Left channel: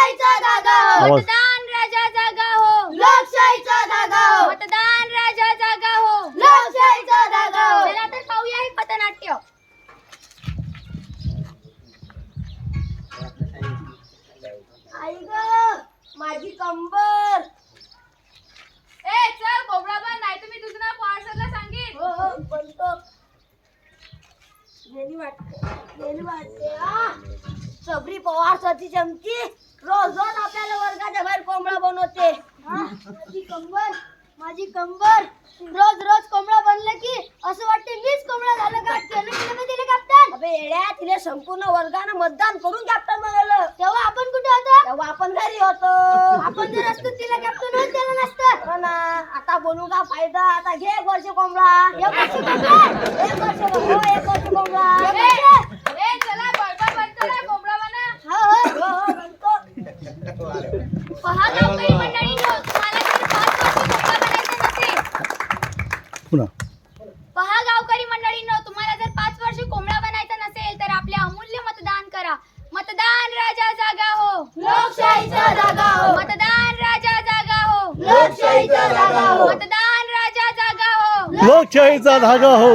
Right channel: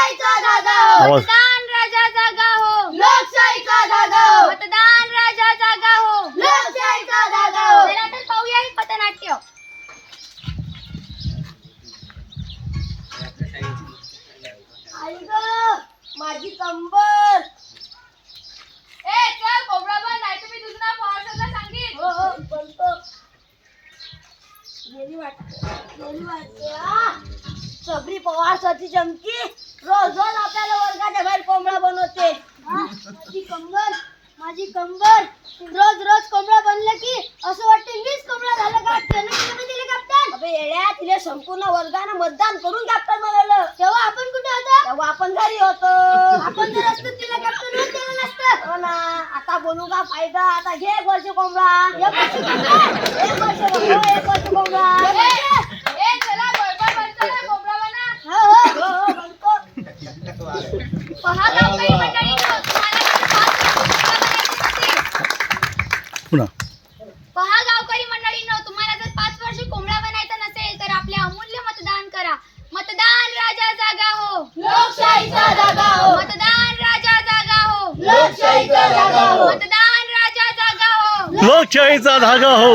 लोकशाहीचा धागा हो. आवाज. मतदान राजा जागा हो. लोकशाहीचा धागा हो. मतदान राजा जागा हो. लोकशाहीचा धागा हो. चला तर पाहूया हे पथनाट्य. आई ग माझी कंबर. ए चल कोबडा बन नाही तुम्ही तुझं नाव पार्सलला सांगेन. हो हो बोलतो. गेली वाटते गेली वाटते आ. सबरी पवार सती चमकी. रोज रोज आपल्याला वर्गाच्या बाहेर कोंबडा बनवते. हा? माझी कंबर माझी कंबर. रोज रोज कोंबडा बनलं की असं वाटतं मीच कोंबडा झालं कॅप्टन तुम्ही दिले कॅप्टन अबे येड्या तिने संपूर्ण वर्गानं मतदान करून कॅप्टन बनवलं. तेव्हा आपण कुठे होतो? तेव्हा आपण घरी होतो. आपण जर असतो तिला कॅप्टन होत केलं नसतं. हो ना. आता बोलू का फायदा? आता घे कोंबडा एक वर्ष कोंबडा. एक वर्ष कोंबडा. एक वर्ष कोंबडा. हो, ए चला बळबळ बंद करा कोबडा बना हो हो हो हो बनतो पहा गावकरी मंडळींनो तुम्हाला जर पाच वर्षी कोंबडा बनायचं नसेल पुन्हा. पहा गावकरी मंडळींनो तुम्हाला जर पाच वर्षी कोंबडा बनायचा नसेल तर आपले अमूल्य मतदान करा. मतदान राजा जागा हो. लोकशाहीचा धागा हो. मतदान राजा जागा हो. लोकशाहीचा धागा हो. मतदान राजा जागा हो. लोकशाहीचा धागा हो.